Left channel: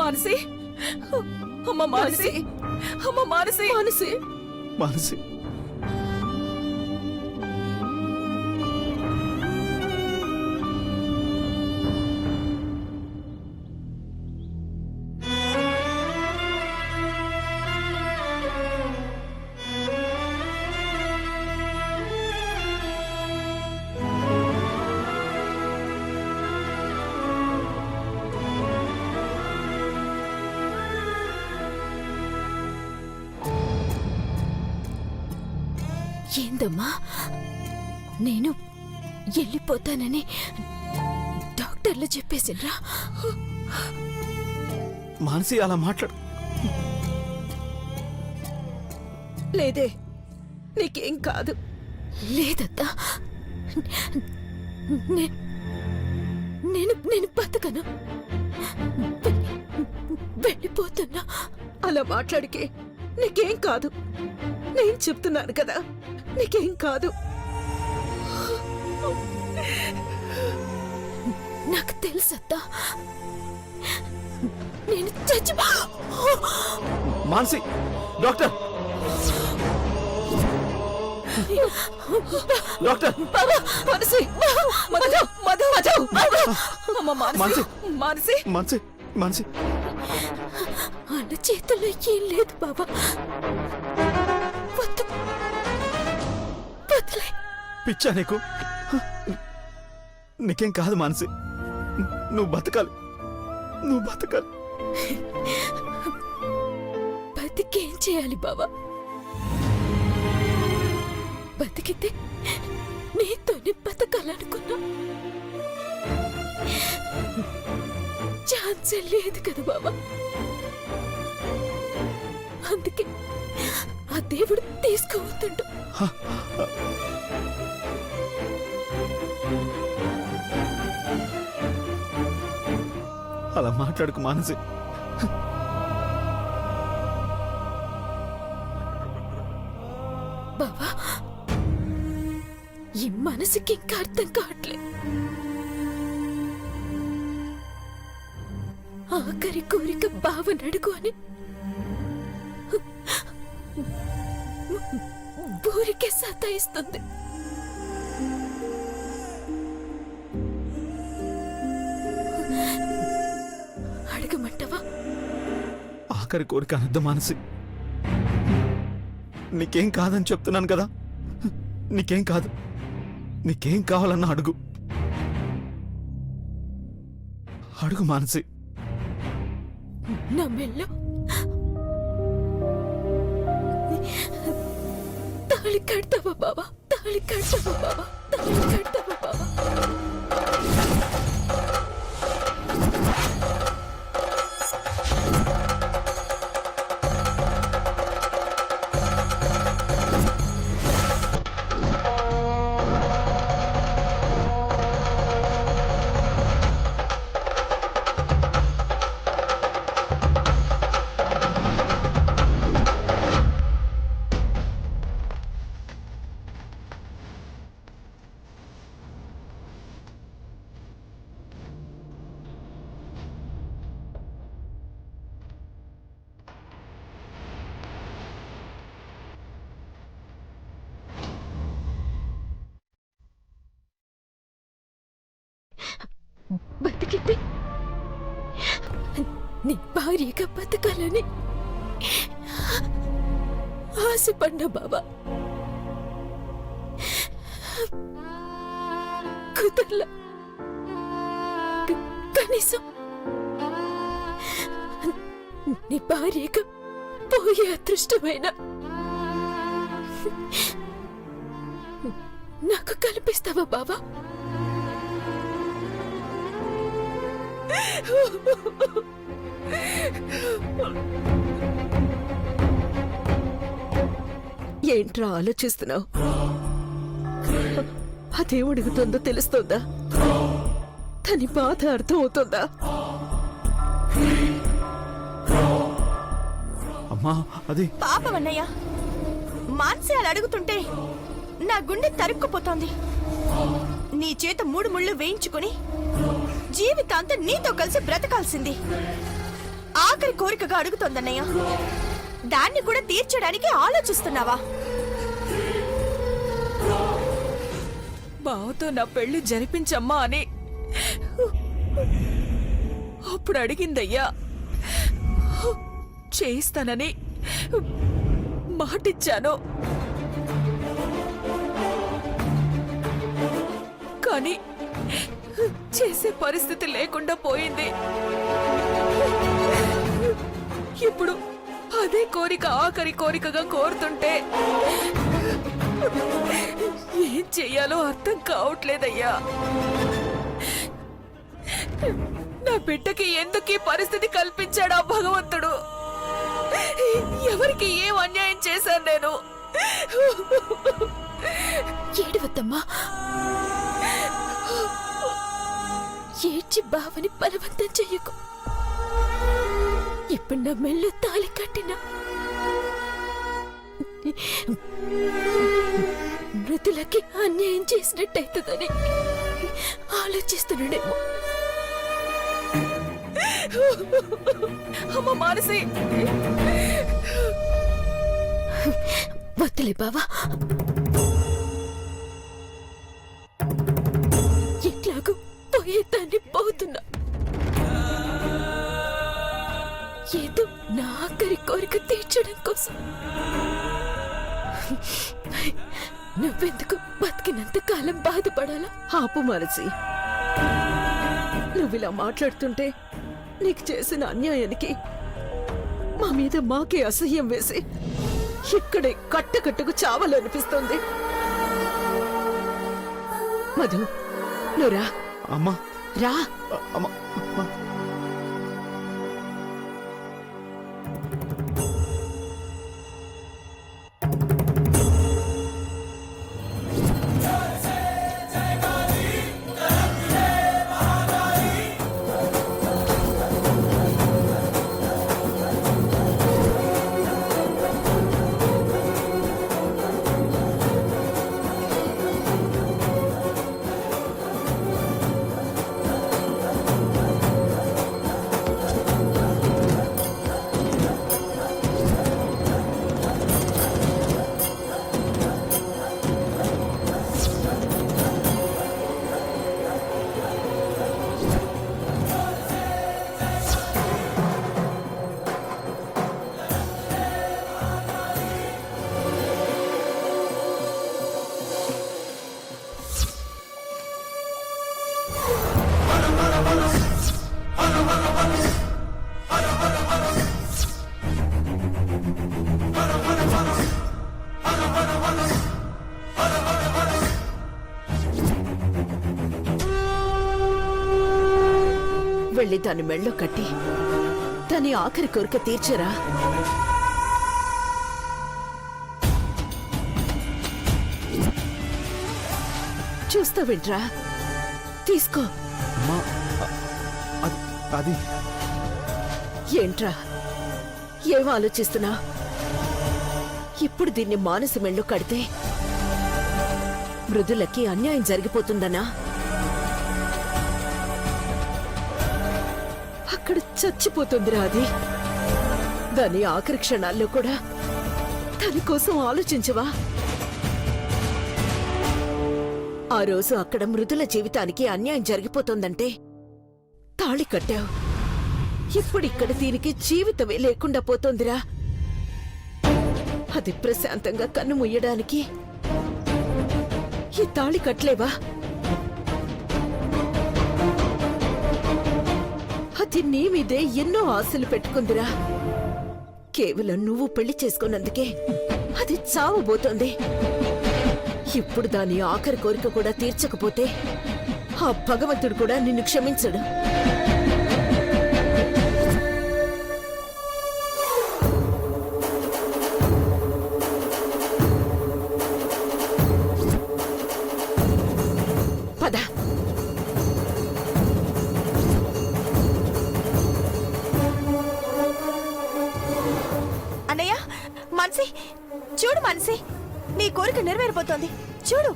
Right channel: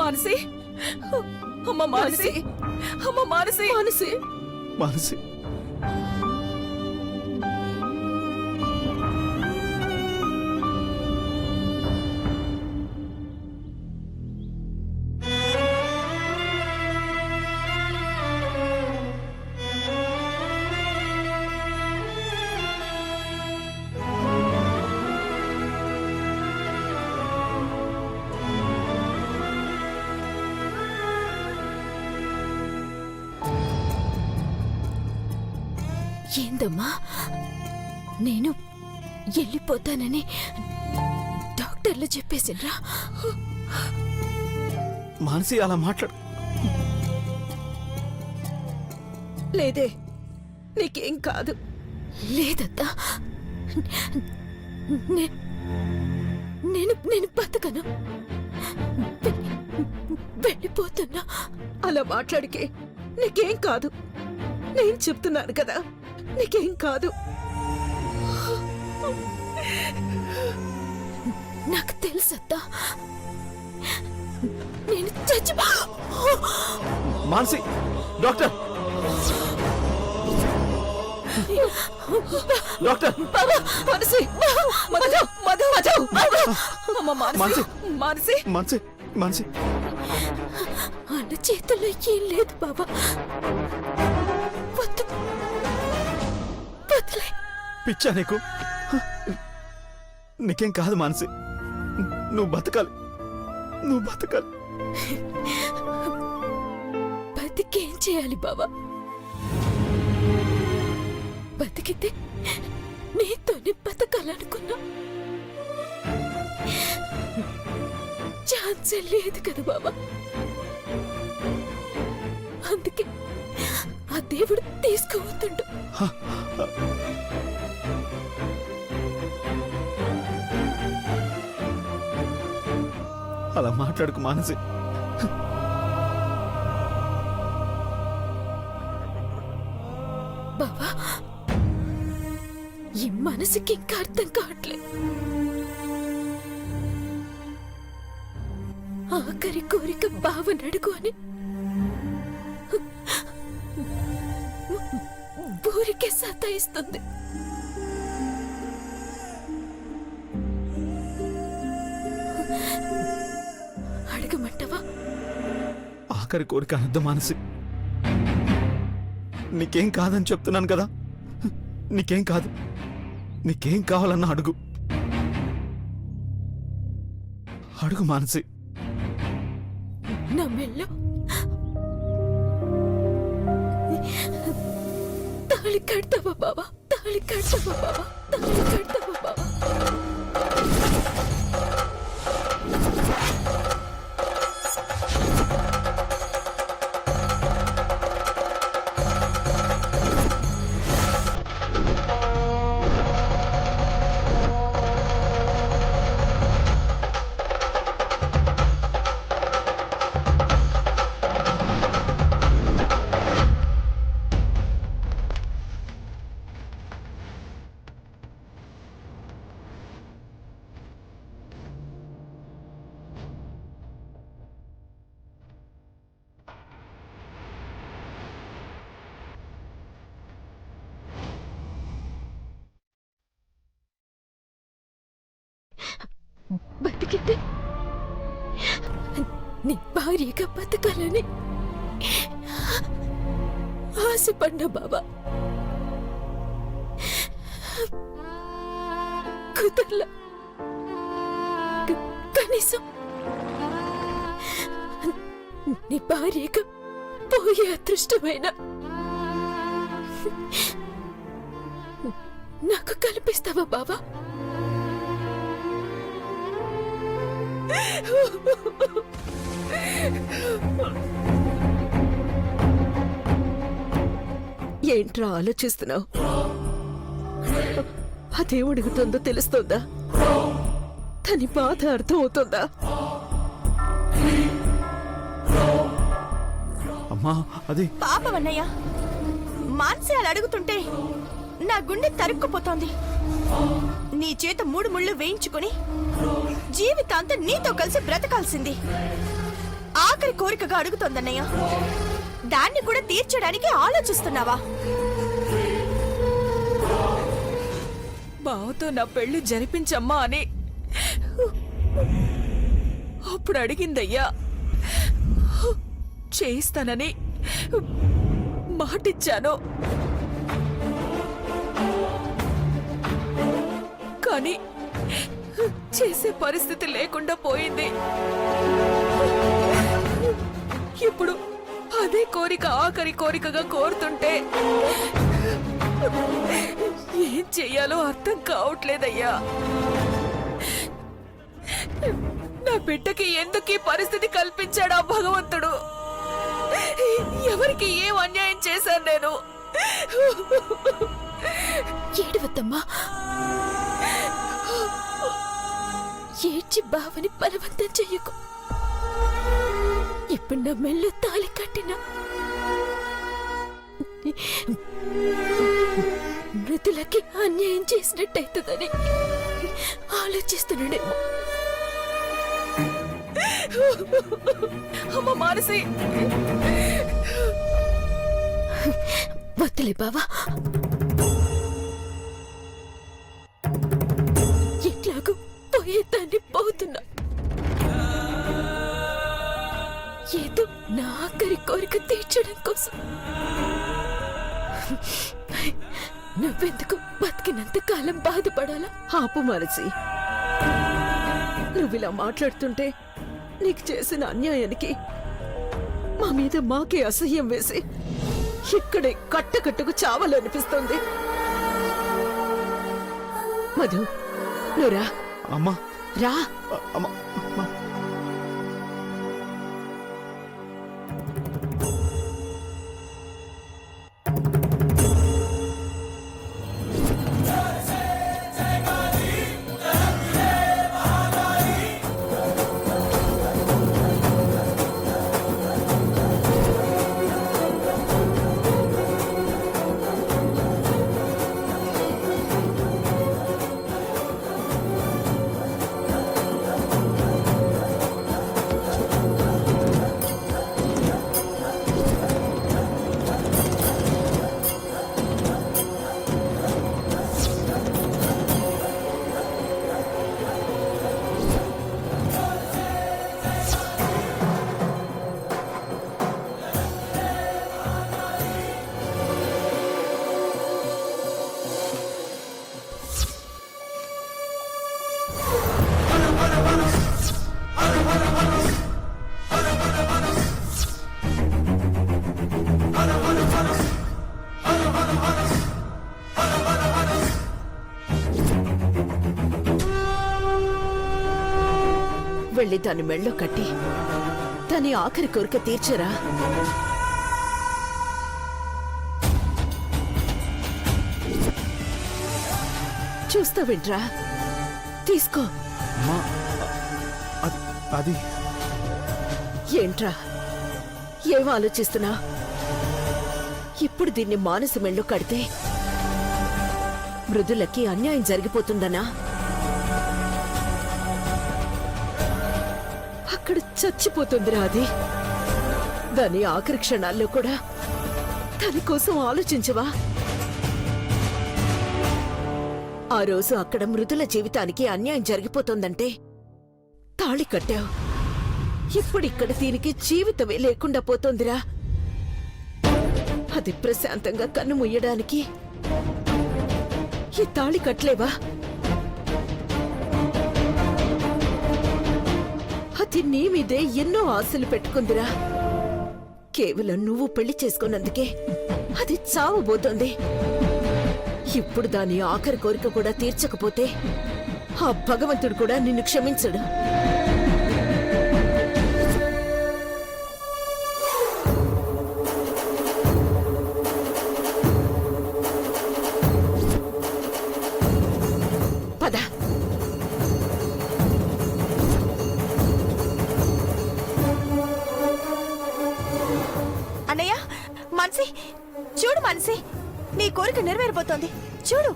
మానసి, అమ్మ మానసి, అమ్మ మానసి, మానసి, మానసి, ఏందమ్మా, నేను వెళ్ళిపోతానని డాక్టర్లు చెప్పేసినరా? మానసి అలా మాట్లాడు. లేదే, నీకేం కాదు. లేదత్తా, నేను బతకను, వెళ్ళిపోతున్నా. అలా మాట్లాడికే నీకేం కాదు. నేను చెప్తున్నాను కదా, నీకేం కాదు. నాకు తెలుసత్తా, నేను చచ్చిపో. Manasi, doctor, doctor, Manasi, Madhu, Madhu, Madhu, Madhu. అమ్మ మానసి, మానసి, మానసి, మానసి, అన్న చేతుల్లో ఏం లేదు బాబా. వద్దు, వదిలే. పిచ్చా నీకు? నీకేం కాదు మానసి, నువ్వు బతకాలి, నువ్వు బతకాలి. బతికేం చేయాలి బాబా? బతికితే నీతోనే బతకాలనుకున్నా. ఛాన్సే లేదు కదా బాబా. అందుకే ఆ దేవుడు తీసుకుపోతుండు. అలా మాట్లాడుకు మానసి. బాబా, ఈ మనసుకి ఇంకా అర్థం కావట్లే. ఆఖరి కోరిక బావనడుగు అని ఊరికే సతాయిస్తుంది. అడగమంటావా? ఆఖరి కోరిక అనద్దు మానసి. నీకేం కాదని చెప్తున్నాను కదా, నీకేం కాదు. నీకేం కావాలన్నా అడుగు, అడుగు మానసి. నా మెల్లో తాళి కడతావా బాబా? తాళి కడతావా బాబా? తాళి కడతావా బాబా? బతికితే నీ భార్యగా బతకాలని ఆశపడ్డా బాబా. కుదరలా. కనీసం నీ భార్యగా పోయే అదృష్టమైన నాకు కల్పిస్తావా బాబా? ఏంట్రా ఆలోచిస్తున్నావు? అదేం అడుగుతుందో తెలుస్తోందా? తని బాధ అర్థం అవుతుందా? అమ్మా, అది పాపమన్నయ్య, మాన్సి అలా అడుగుతుంటే నా గుండె తరుక్కుపోతోంది. నీ చేత 3 ముళ్ళు వేయించుకుని జీవితాంతం నీతో కలిసి బ్రతకాల్సింది. ఆఖరి కోరికగా అడుగుతోందన్నయ్య. దాన్ని కూడా తీర్చడానికి ఆలోచిస్తున్నావా? బావతో నా పెళ్లి జరిపించమ్మా అని అప్పుడు అడిగిందయ్యా. చేయిస్తానని మాటిచ్చాను. కానీ చేసే పరిస్థితి లేకుండా పోయింది. ఇప్పుడు అదే కోరిక ఆఖరి కోరికగా కోరుతుంటే ఏం చెయ్యాలో అర్థం కావట్లేదయ్యా. నా బిడ్డకి ఎందుకు ఈ పరిస్థితి కల్పించాడా భగవంతుడు? ఎవరికి ఏం అన్యాయం చేశాను నేను? ఏడవద్దమ్మా. ఏడ్చి బావని బలవంతం చెయ్యకు. ఇప్పుడు నా మెళ్ళు తాళి కట్టినా మృతులకి అన్యాయం చేసినట్టయితుందని ఆలోచిస్తున్నాడేమో. అమ్మ మానసి, వద్దులే బావా. ఎట్లాగూ పోయేదాన్ని పోతున్నా. ఏదో నా ఆఖరి కోరిక తీర్చడం కోసం నువ్వెందుకు బతికినంత కాలం బాధపడాలా? ఆపు మనసి. నువ్విలా మాట్లాడుతుంటే నీకు చేసిన అన్యాయానికి మా మీద మాకే అసహ్యం వేసి ఇక్కడే కట్టకట్టుకు చావాలనిపిస్తుంది. మధు, నువ్వురా. అమ్మా రా. అమ్మా అమ్మా. వెళ్ళి దాని మెళ్ళో కట్టి దాని ఆఖరి కోరిక తీర్చరా. చూస్తావేంట్రా? తీసుకో. అమ్మా అది అది ఏంట్రా ఏం ఆలోచిస్తున్నా? ఇప్పుడు దీన్ని మానసి మెళ్ళో కడితే మృదులకి అన్యాయం జరిగిపోతుందనా? అక్కడ చచ్చిపోతుందిరా అది. దాని ఆఖరి క్షణాల్లో కూడా దాని కోసం ఆలోచించవా? ఆ రోజు అక్కడ మృదుల జీవితానికి అన్యాయం జరిగిపోతుందంటే తాళి కట్టావు. ఇప్పుడు ఇక్కడ దీనికి జీవితమే లేకుండా పోతోందిరా. అది ప్రశాంతంగా కన్ను ముయ్యడానికి ఈ తాళి కట్టలేవా? అది నీ మీదే ఎన్నో ఆశలు పెట్టుకుందిరా. కేవలం నువ్వు పెళ్లి చేసుకున్నందుకే అది చావబోతోంది. ఇప్పుడు దాని ఆఖరి కోరిక కూడా తీర్చకపోతే ఆ భగవంతుడు కూడా నిన్ను క్షమించడు. పద. అన్నయ్య, మనసి చూడు. మనసి, నీ కోరిక నెరవేరిపోతోంది చూడు.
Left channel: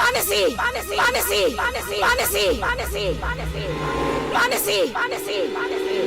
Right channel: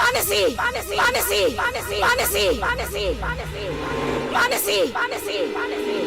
మానసి మానసి మానసి మానసి మానసి మానసి మానసి మానసి మానసి మానసి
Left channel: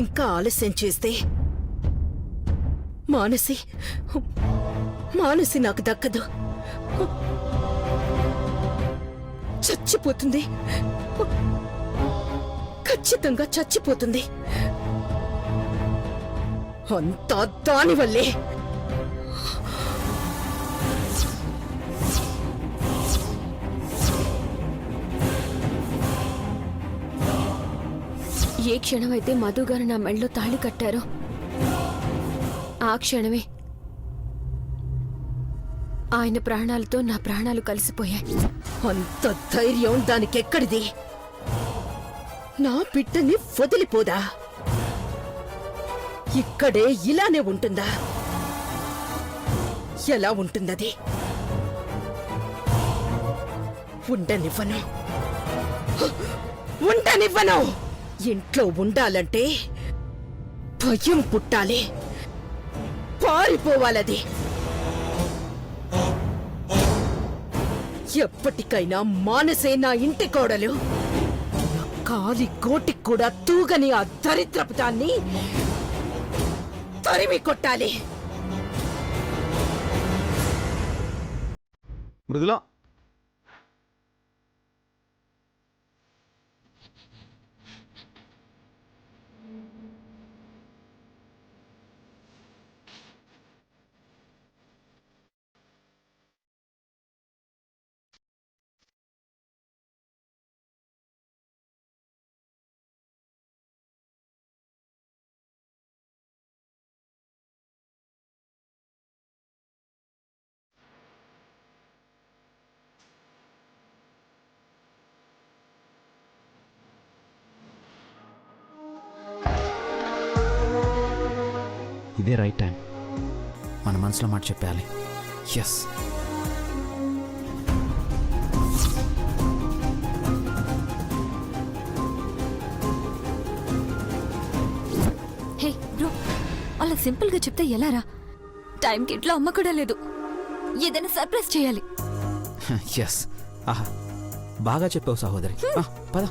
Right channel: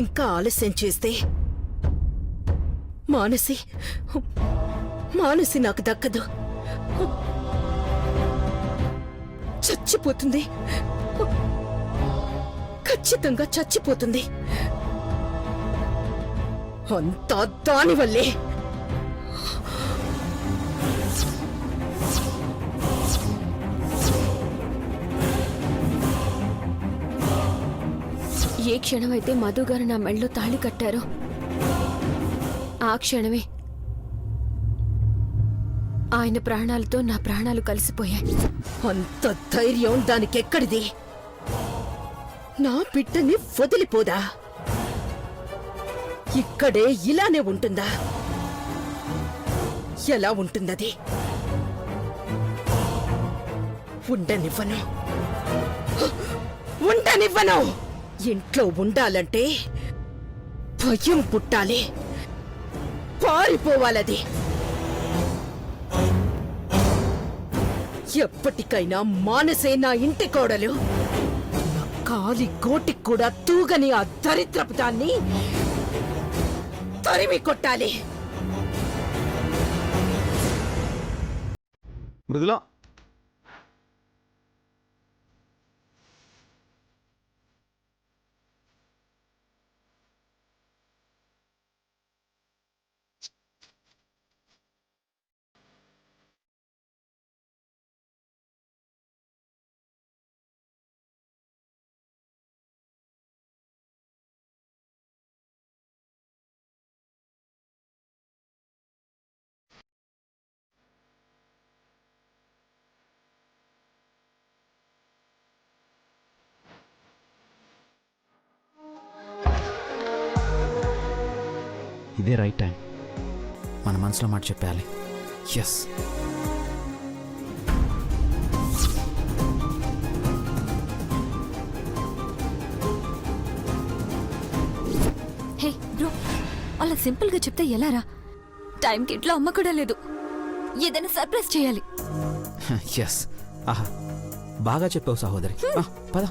ఇంకా ఆలస్యం చేస్తే మానసి నాకు దక్కదు. చచ్చిపోతుంది, ఖచ్చితంగా చచ్చిపోతుంది. అంతా దానివల్లే. ఏ క్షణమైతే మధు గారు నా మెళ్ళలో తాళి కట్టారో ఆ క్షణమే ఆయన ప్రాణాలతో నా ప్రాణాలు కలిసిపోయాయి. అంత ధైర్యం దానికెక్కడిది? నా బిడ్డని వదిలిపోదా? ఇక్కడే ఇలానే ఉంటుందా? ఎలా ఉంటుందది? ఉండనివ్వను. ఇంట్లో ఉండాలంటే భయం పుట్టాలి, పారిపోవాలది. ఎప్పటికైనా మానసే నా ఇంటి కోడలు. నా కాలి గోటికి కూడా తూగని ఆ దరిద్రపు దాన్ని తరిమి కొట్టాలి. మృదులా, ఇదే రైట్ టైం. మన మనసులో మాట చెప్పాలి. ఎస్. హే బ్రో, అలా సింపుల్ గా చెప్తే ఎలారా? టైంకి ఇంట్లో అమ్మ కూడా లేదు. ఏదైనా సర్ప్రైజ్ చేయాలి. ఎస్. ఆహా, బాగా చెప్పావు సహోదరి. పద.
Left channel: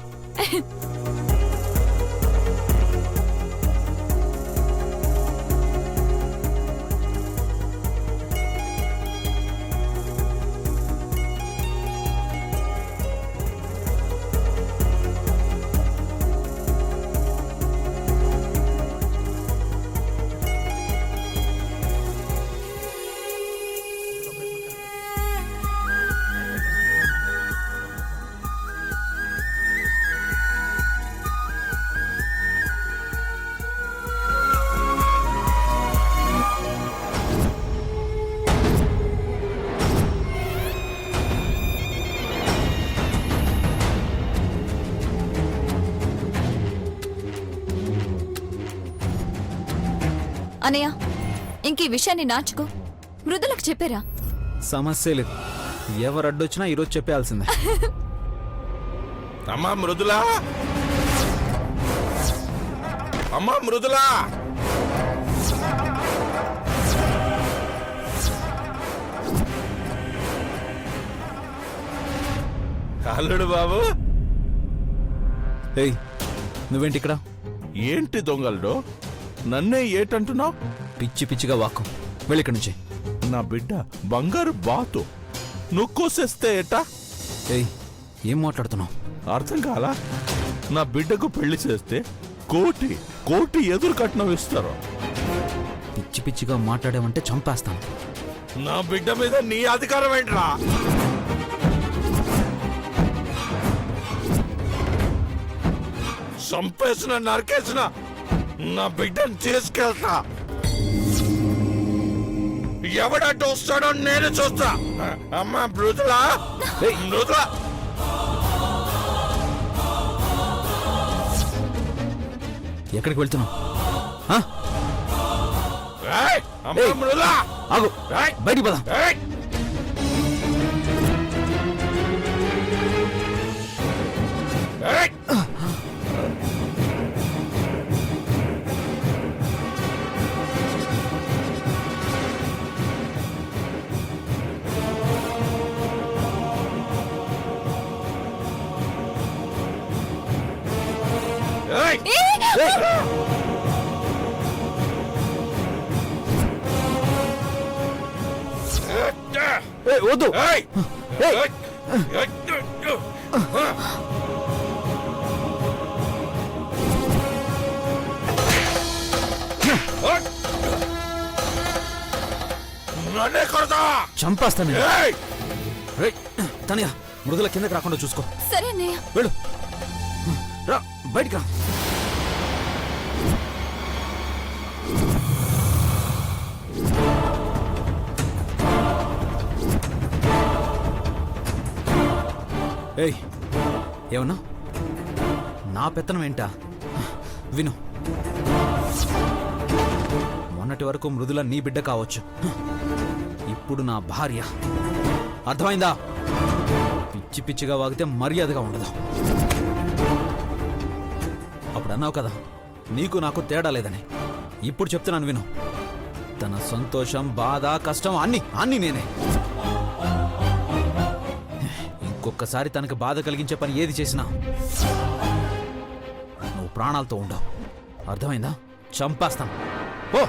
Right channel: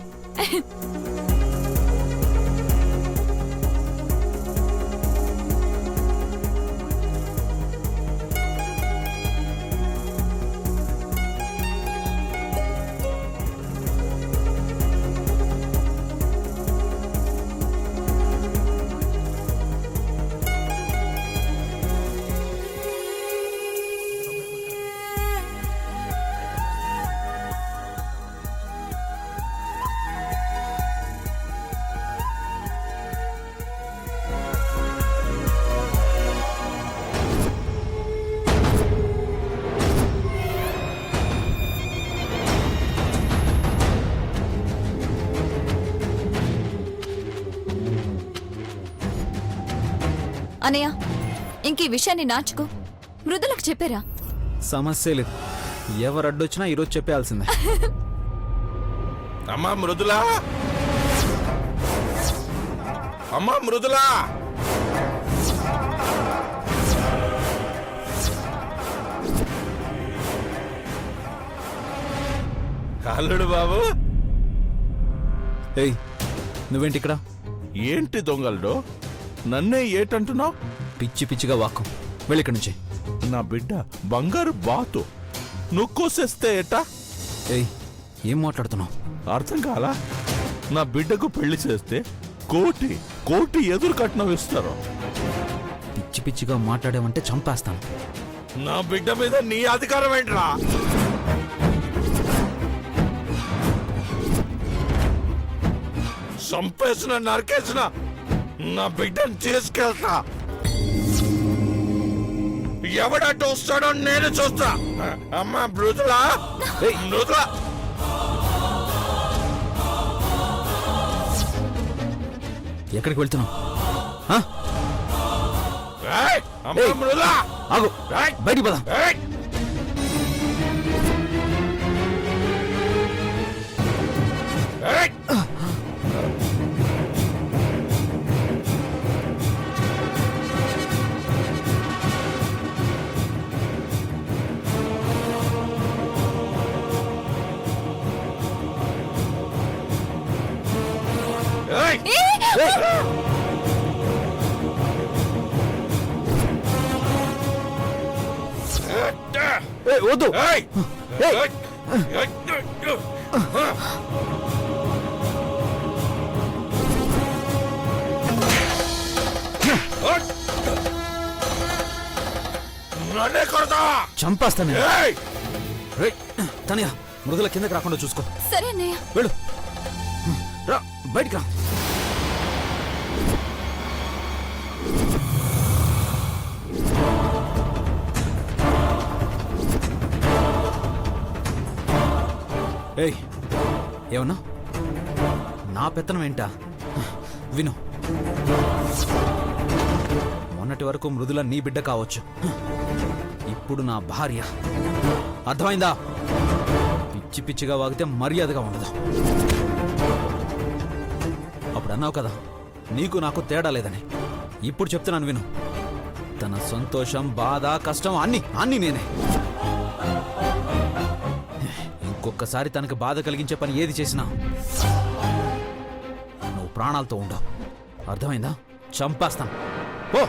అనయ్య ఇంక ఈ విషయాన్ని నాచుకో మృదులకు చెప్పారా? సమస్య లేదు, ఎవరు అడ్డొచ్చినా ఈరోజు చెప్పేయాల్సిందే. అమ్మా మృదులా, అమ్మా మృదులా, అల్లుడు బాబు. ఏయ్ నువ్వేంటి ఇక్కడ? ఏంటి దొంగలుడు, నన్నే ఏటంటున్నావు? పిచ్చి పిచ్చిగా వాక్కం, వెళ్ళి ఇక్కడి నుంచి. నా బిడ్డ బంగారు బాతు, నువ్వు కోసేస్తే ఏటా? ఏయ్ ఏం మాట్లాడుతున్నావు? అర్థం కాలా? నా బిడ్డకు పెళ్లి చేస్తే కోటి కోటి ఎదురు కట్నం ఇస్తారు. పిచ్చి పిచ్చిగా మాట్లాడావంటే చంపేస్తాను. నా బిడ్డ మీద నీ అధికారం ఏంట్రా? చంపేసిన నరికేసిన నా బిడ్డను తీసుకెళ్తా. ఎవడట్టు వస్తాడో నేను చూస్తా. అమ్మా మృదులా, మృదులా, ఎక్కడికి వెళ్తున్నావు? ఆ? అమ్మా మృదులా, ఆగు, బయటికి పద. వద్దు. నన్నే కొడతా, చంపేస్తాను. తనయ మృదుల కిందకి రాకుండా చూసుకో. సరే అన్నయ్య. వెళ్ళు, రా బయటికి రా. ఏయ్ ఏమన్నా? నా పెత్తనం ఏంటా? విను, మొన్నటి వరకు మృదుల నీ బిడ్డ కావచ్చు, ఇప్పుడు నా భార్య. అర్థమైందా? పిచ్చి పిచ్చిగా వాగితే మర్యాదగా ఉండదు. అప్పుడు అన్నావు కదా నీకు నాకు తేడా లేదని. ఇప్పుడు చెప్తున్నాను విను. తన సంతోషం, బాధ, కష్టం అన్ని నేనే. ఇంకొకసారి తనకు బాధ కలిగించే పని ఏది చేసినా నువ్వు ప్రాణాలతో ఉండవు. అర్థమైందా? చంపేస్తాను. ఓ